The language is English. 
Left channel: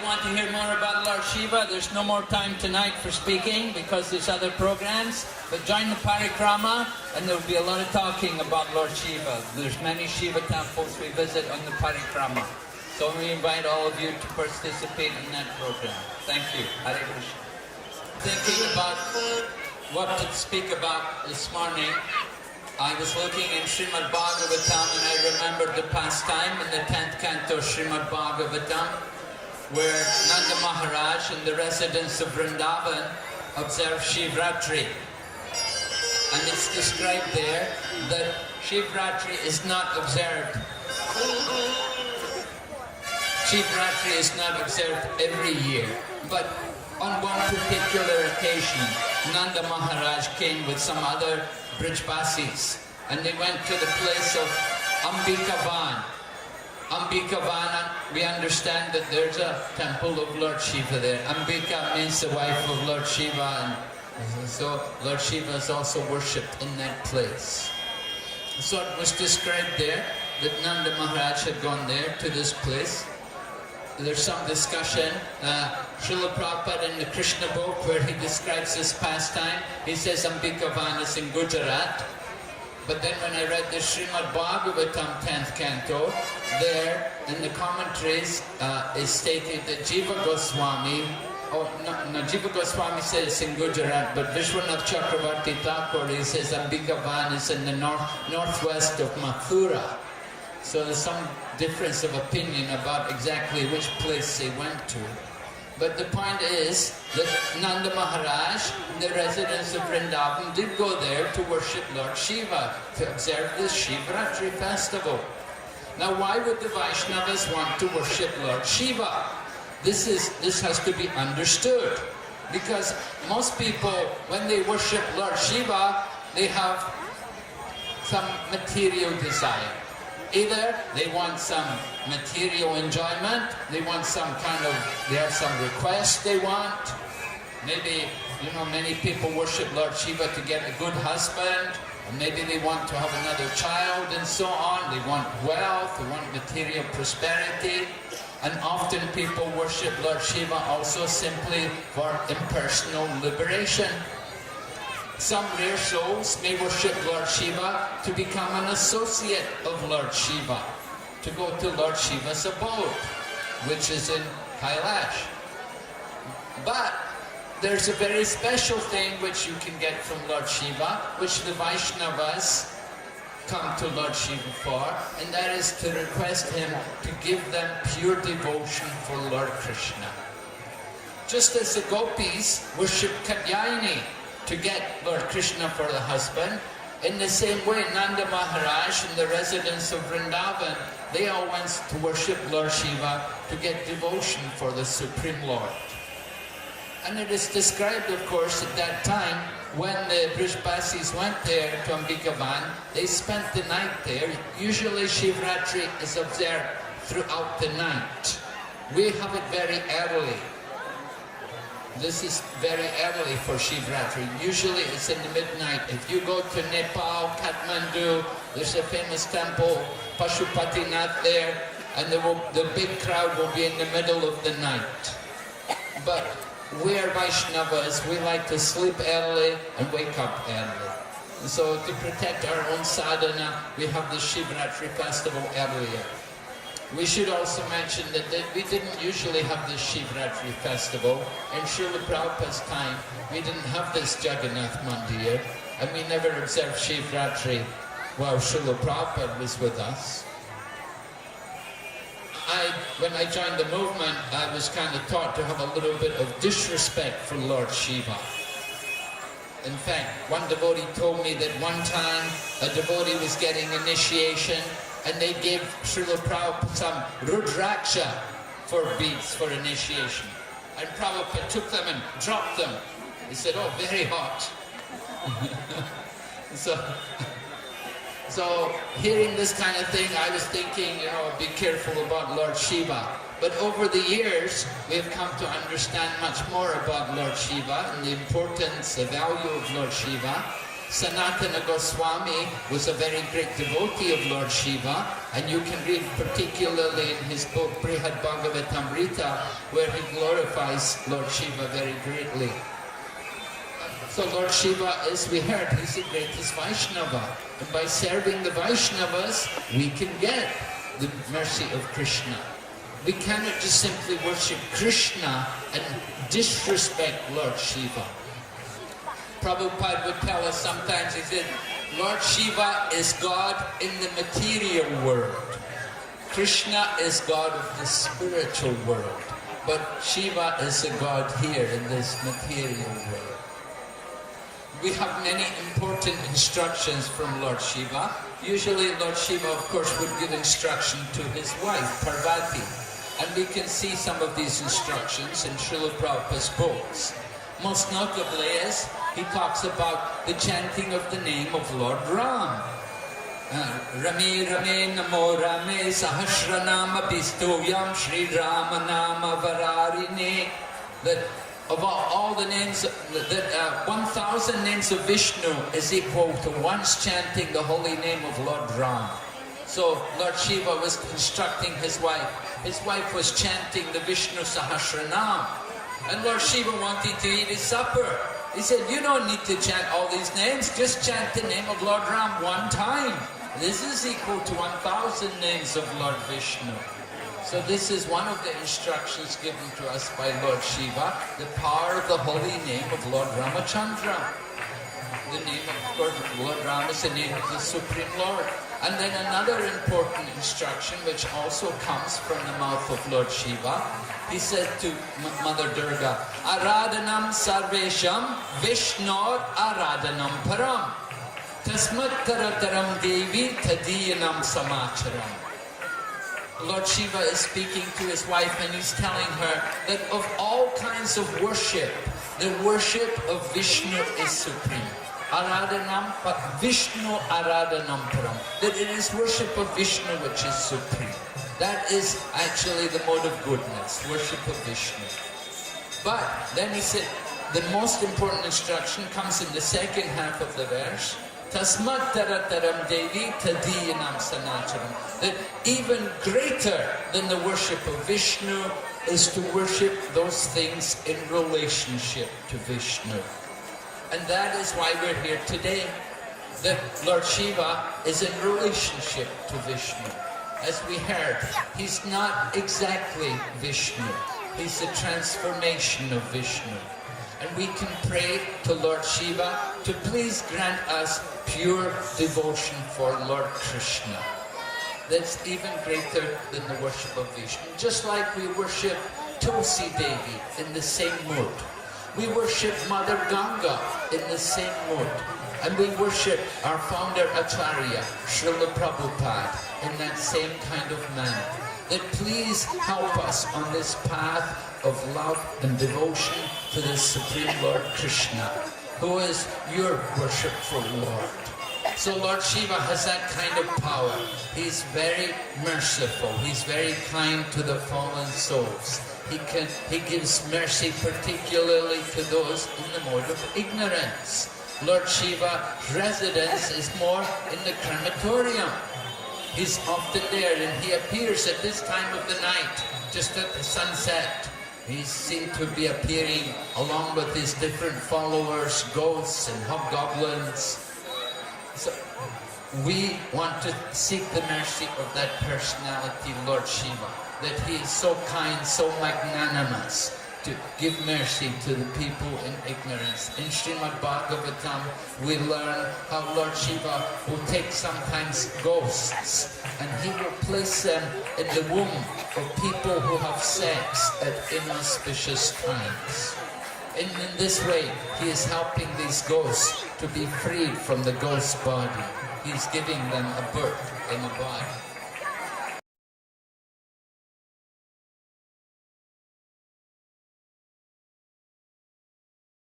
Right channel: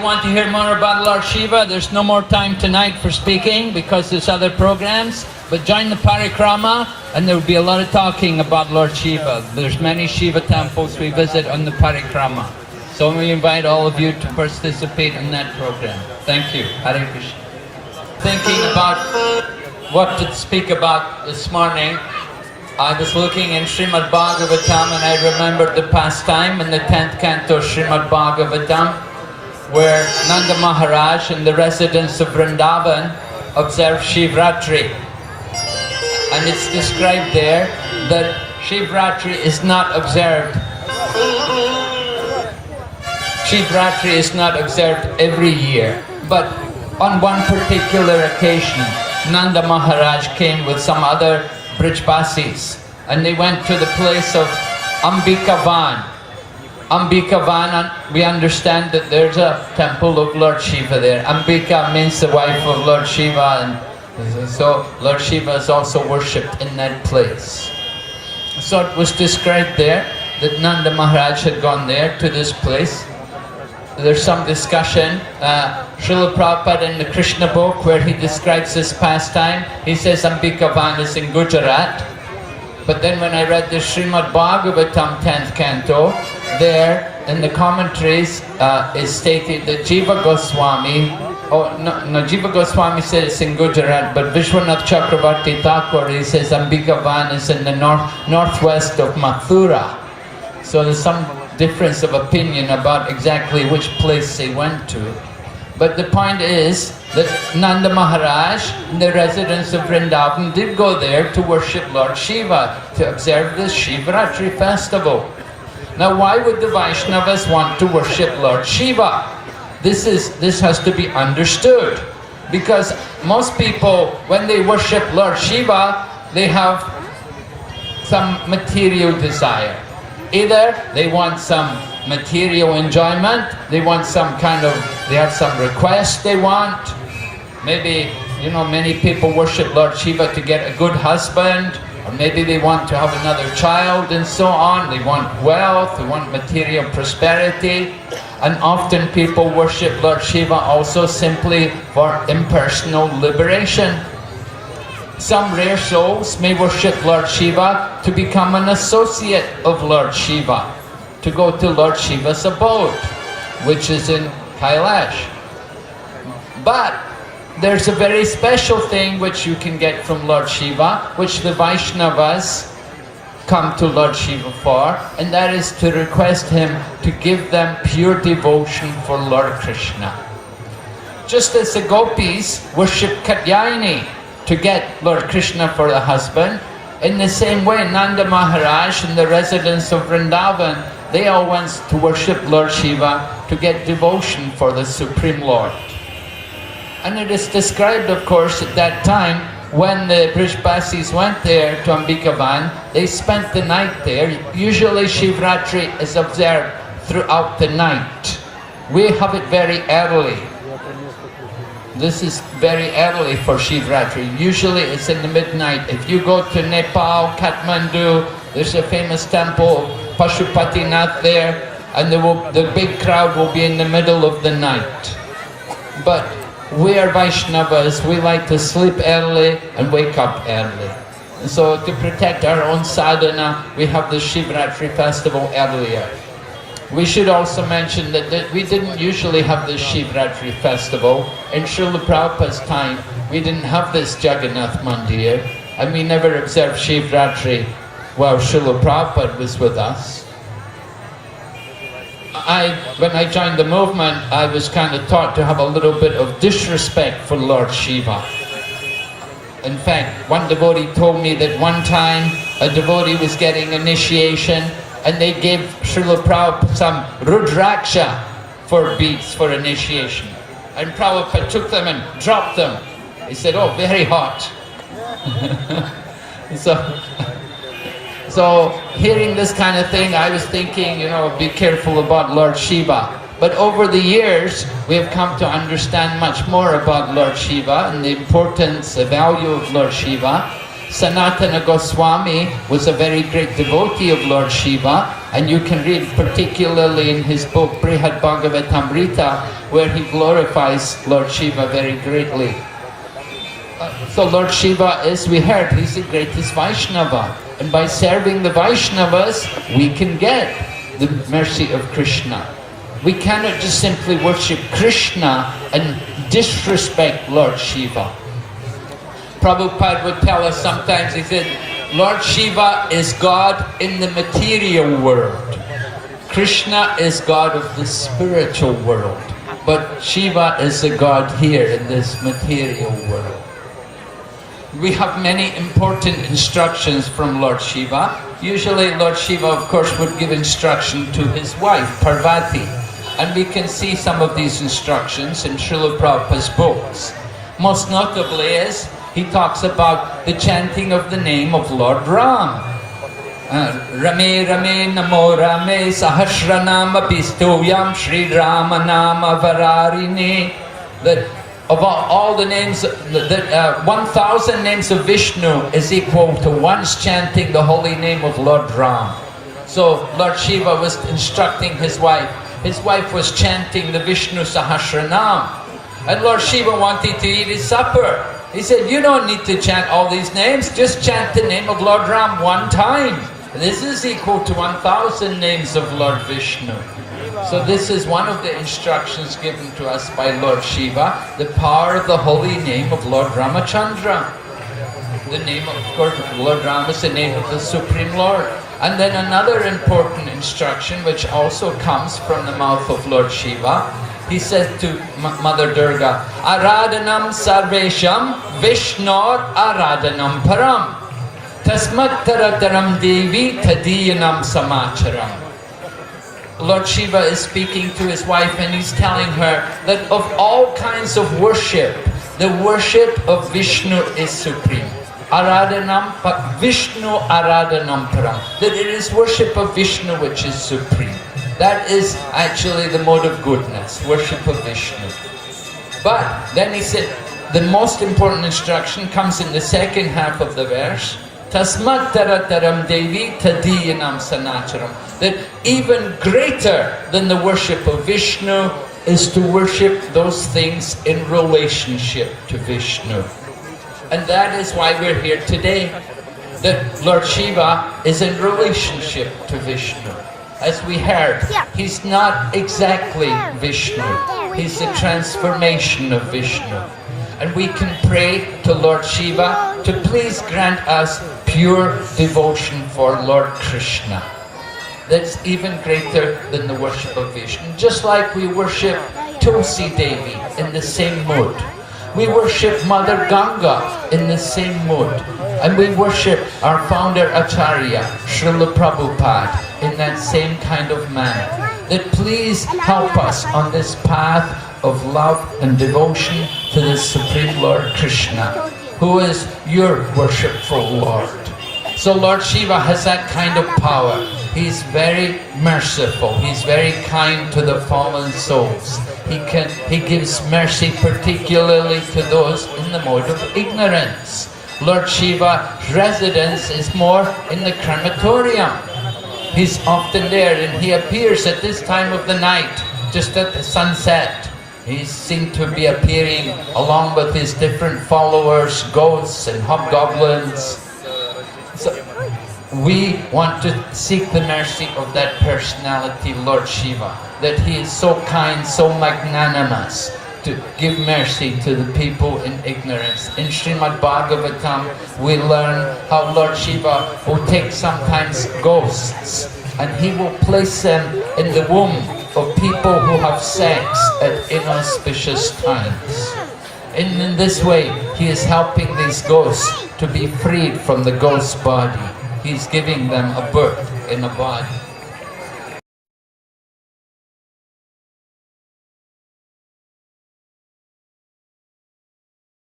you want to hear more about Lord Shiva, there's no more time tonight for speaking because there's other programs. But join the parikrama and there will be a lot of talking about Lord Shiva. There's many Shiva temples we visit on the parikrama. So we invite all of you to participate in that program. Thank you. Hare Krishna. Thinking about what to speak about this morning, I was looking in Srimad Bhagavatam and I remembered the pastime in the 10th canto Srimad Bhagavatam where Nanda Maharaj and the residents of Vrindavan observe Shivratri. And it's described there that Shivratri is not observed. Shivratri is not observed every year, but on one particular occasion, Nanda Maharaj came with some other Brijbasis, and they went to the place of Ambikavan. Ambikavan, we understand that there's a temple of Lord Shiva there. Ambika means the wife of Lord Shiva, and so Lord Shiva is also worshipped in that place. So it was described there that Nanda Maharaj had gone there to this place. There's some discussion. Srila Prabhupada in the Krishna book where he describes this pastime, he says Ambikavan is in Gujarat. But then when I read the Srimad Bhagavatam 10th canto, there in the commentaries is stated that Jiva Goswami, Jiva Goswami says it's in Gujarat, but Vishwanath Chakravarti Thakur, he says Ambikavan is in the northwest of Mathura. So there's some difference of opinion about exactly which place they went to. But the point is that Nanda Maharaj, the residents of Vrindavan, did go there to worship Lord Shiva, to observe this Shivratri festival. Now why would the Vaishnavas want to worship Lord Shiva? This has to be understood. Because most people, when they worship Lord Shiva, they have some material desire. Either they want some material enjoyment, they want some kind of, they have some request they want. Maybe, you know, many people worship Lord Shiva to get a good husband, or maybe they want to have another child and so on. They want wealth, they want material prosperity. And often people worship Lord Shiva also simply for impersonal liberation. Some rare souls may worship Lord Shiva to become an associate of Lord Shiva, to go to Lord Shiva's abode, which is in Kailash. But there's a very special thing which you can get from Lord Shiva, which the Vaishnavas come to Lord Shiva for, and that is to request him to give them pure devotion for Lord Krishna. Just as the gopis worship Katyayani to get Lord Krishna for the husband, in the same way Nanda Maharaj and the residents of Vrindavan, they all went to worship Lord Shiva to get devotion for the Supreme Lord. And it is described, of course, at that time, when the Brijbasis went there to Ambikavan, they spent the night there. Usually Shivratri is observed throughout the night. We have it very early. This is very early for Shivratri. Usually it's in the midnight. If you go to Nepal, Kathmandu, there's a famous temple, Pashupatinath there, and the big crowd will be in the middle of the night. But we are Vaishnavas, we like to sleep early and wake up early. And so to protect our own sadhana, we have the Shivratri festival earlier. We should also mention that we didn't usually have this Shivratri festival. In Srila Prabhupada's time, we didn't have this Jagannath Mandir, and we never observed Shivratri while Srila Prabhupada was with us. When I joined the movement, I was kind of taught to have a little bit of disrespect for Lord Shiva. In fact, one devotee told me that one time a devotee was getting initiation, and they gave Srila Prabhupada some Rudraksha for beads for initiation. And Prabhupada took them and dropped them. He said, oh, very hot. So hearing this kind of thing, I was thinking, you know, be careful about Lord Shiva. But over the years, we have come to understand much more about Lord Shiva and the importance, the value of Lord Shiva. Sanatana Goswami was a very great devotee of Lord Shiva, and you can read particularly in his book Brihad Bhagavatamrita, where he glorifies Lord Shiva very greatly. So Lord Shiva, as we heard, he's the greatest Vaishnava, and by serving the Vaishnavas, we can get the mercy of Krishna. We cannot just simply worship Krishna and disrespect Lord Shiva. Prabhupada would tell us sometimes, he said, Lord Shiva is God in the material world. Krishna is God of the spiritual world. But Shiva is the God here in this material world. We have many important instructions from Lord Shiva. Usually Lord Shiva, of course, would give instruction to his wife, Parvati. And we can see some of these instructions in Srila Prabhupada's books. Most notably is, he talks about the chanting of the name of Lord Ram. Rame Rame Namo Rame Sahasranama Pistoyam Sri Rama Nama Vararine. That of all the names, 1,000 names of Vishnu is equal to once chanting the holy name of Lord Ram. So Lord Shiva was instructing his wife. His wife was chanting the Vishnu Sahasranam. And Lord Shiva wanted to eat his supper. He said, you don't need to chant all these names, just chant the name of Lord Ram one time. This is equal to 1,000 names of Lord Vishnu. So this is one of the instructions given to us by Lord Shiva, the power of the holy name of Lord Ramachandra. The name of course, Lord Ram is the name of the Supreme Lord. And then another important instruction which also comes from the mouth of Lord Shiva. He says to Mother Durga, Aradhanam Sarvesham Vishnor Aradhanam Param Tasmat Tarataram Devi Tadiyanam Samacharam. Lord Shiva is speaking to his wife and he's telling her that of all kinds of worship, the worship of Vishnu is supreme. Aradhanam, but Vishnu Aradhanam Param. That it is worship of Vishnu which is supreme. That is actually the mode of goodness, worship of Vishnu. But then he said, the most important instruction comes in the second half of the verse. Tasmat tarataram devi tadiyanam sanacharam. That even greater than the worship of Vishnu is to worship those things in relationship to Vishnu. And that is why we're here today. That Lord Shiva is in relationship to Vishnu. As we heard, he's not exactly Vishnu. He's the transformation of Vishnu. And we can pray to Lord Shiva to please grant us pure devotion for Lord Krishna. That's even greater than the worship of Vishnu. Just like we worship Tulsi Devi in the same mood. We worship Mother Ganga in the same mood. And we worship our founder Acharya, Srila Prabhupada, in that same kind of manner. That please help us on this path of love and devotion to the Supreme Lord Krishna, who is your worshipful Lord. So Lord Shiva has that kind of power. He's very merciful. He's very kind to the fallen souls. He gives mercy particularly to those in the mode of ignorance. Lord Shiva's residence is more in the crematorium. He's often there and he appears at this time of the night, just at the sunset. He seemed to be appearing along with his different followers, ghosts and hobgoblins. So we want to seek the mercy of that personality, Lord Shiva, that he is so kind, so magnanimous, to give mercy to the people in ignorance. In Srimad Bhagavatam, we learn how Lord Shiva will take sometimes ghosts and he will place them in the womb of people who have sex at inauspicious times. And in this way, he is helping these ghosts to be freed from the ghost body. He's giving them a birth in a body.